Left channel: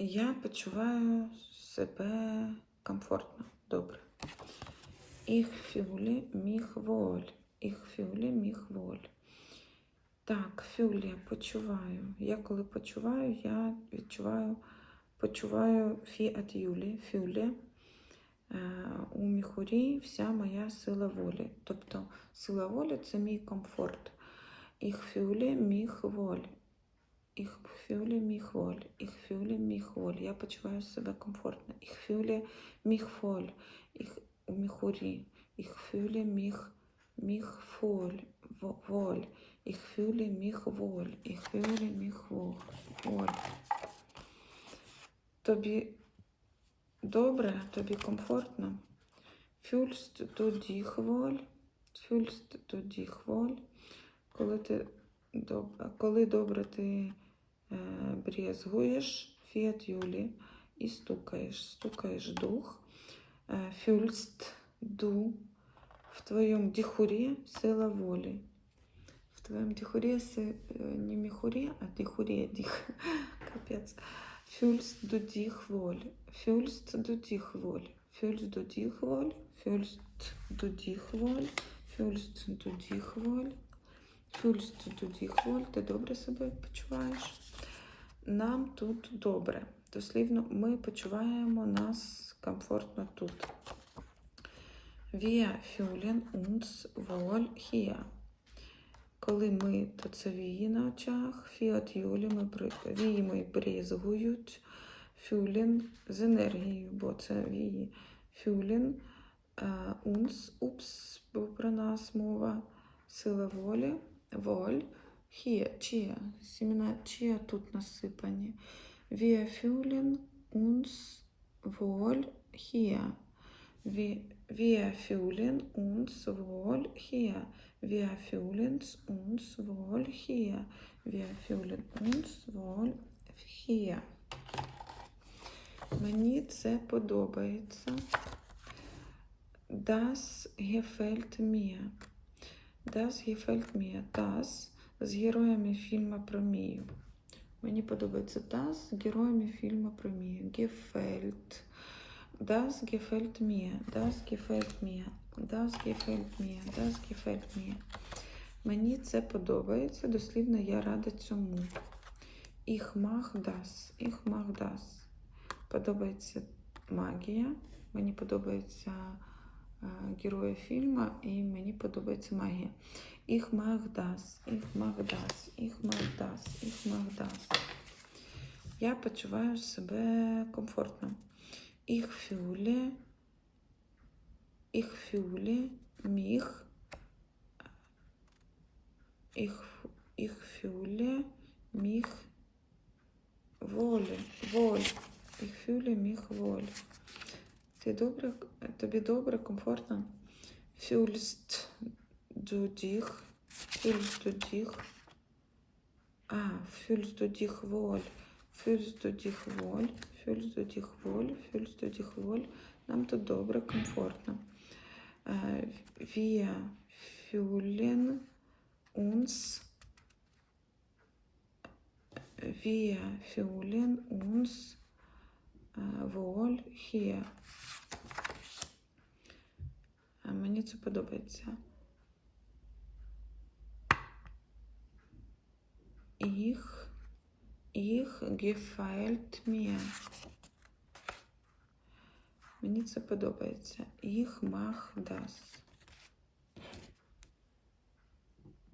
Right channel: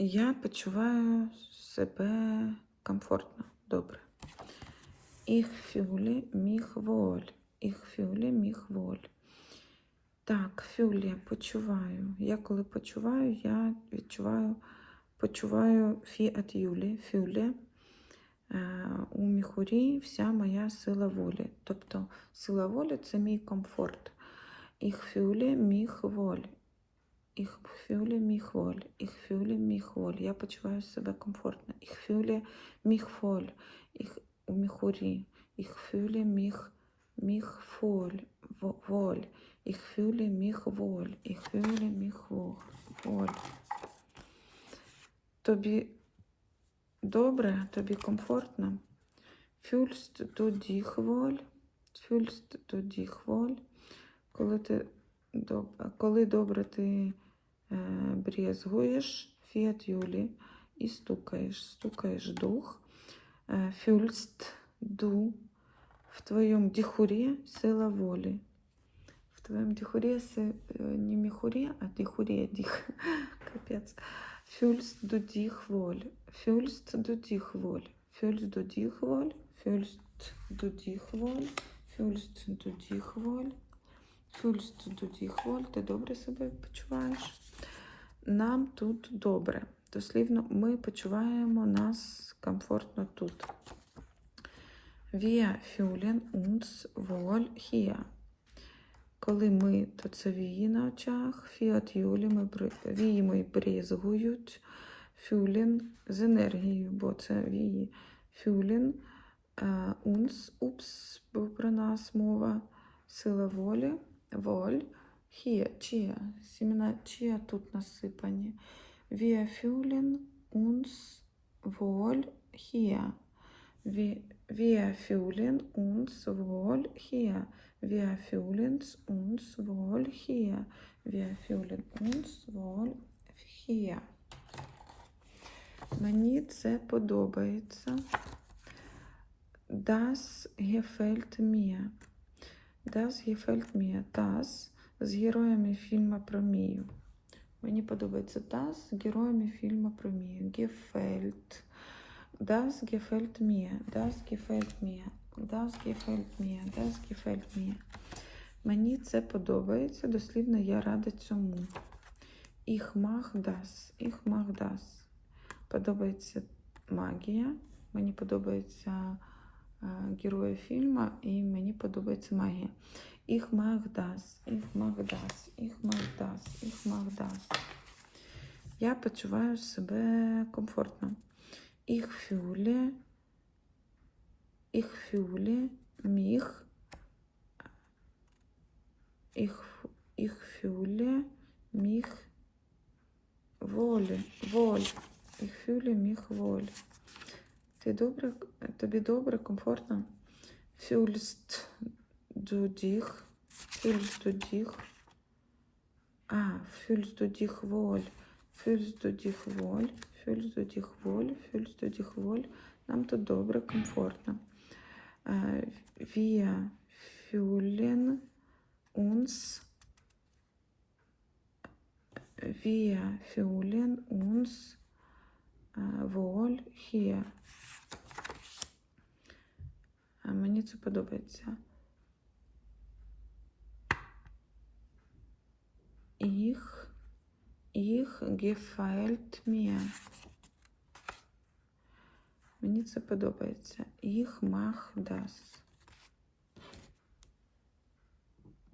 Я почуваю себе комфортно, добре. Ich fühle mich wohl. Ich fühle mich wohl. Так, fühle, почуваю. Я коли почуваю, я відчуваю, почуваю фі от Юлі, fühle. Е, У міхурі вся моя сила волі. Тобто сила волі це мій комфорт. Ich fühle mich wohl. Ich fühle mich wohl. Ich fühle mich wohl. Я почуваю себе комфортно. Ich fühle mich wohl. Ich у міхурі. Ich fühle mich, mich wohl. Wo- wohl. Ich fühle mich wohl. Ich fühle mich wohl. Тобі добре, тобі комфортно. Fühlst du dich wohl? Fühlst du dich wohl? Коли ти добре, коли добре ти е, брезгуєш фіат Юлі і стукаєш, стукаєш дух. Е, fühlst du в твоєму дихурі сила волі. В твоєму дихурі си- е, не міхурі, а дихурі, дих. Капець. Fühlst du dich wohl? Fühlst du dich wohl? Fühlst du dich wohl? Fühlst du dich wohl? Fühlst du dich wohl? Fühlst du dich wohl? Ти добре себе почуваєш? Нам тут добре. Дослівно, ми почуваємо нас комфортно тут. Wir fühlen uns wohl hier. Коли ми, то це вії на очах, фіат юлі, ми вії ми брізгують, фюлін з енергією, бо це вії. Фюлін, е, унс, упс, про нас мова, сила волі, воль, хія, чия, сімена чия тут насипані. Wir fühlen uns wohl hier. Wir, wir fühlen uns wohl hier. Wir fühlen uns wohl hier. Wir fühlen uns wohl hier. Мені це подобається. Das gefällt mir. Das gefällt mir. Das з героями фільму про Мію. Мені подобається das з героями фільму про Мію. Gefällt. Das gefällt mir. Das gefällt mir. Das gefällt mir. Das gefällt mir. Мені це подобається. Дослівно я рада цьому. Ich mag das. Ich mag das. Подобається магія. Мені подобається е, герої фільму і мені подобається магія. Mag das. Ich mag das. Ich mag das. Я почуваю себе комфортно. Ich fühle, ich fühle mich, ich, ich fühle mich wohl, wohl, ich fühle mich wohl. Ти добре, тобі добре, комфортно. Фюльст дудіх. Фюльст дудіх. А, фюльст дудіх воль. Фюльст дудіх воль. Фюльст дудіх воль. Фюльст дудіх воль. Нам тут добре, комфортно. А, Wir fühlen унс, Wir fühlen унс, а, воль hier. це подобається. Ich, ich gefällt mir. Мені це подобається. Ich mach das.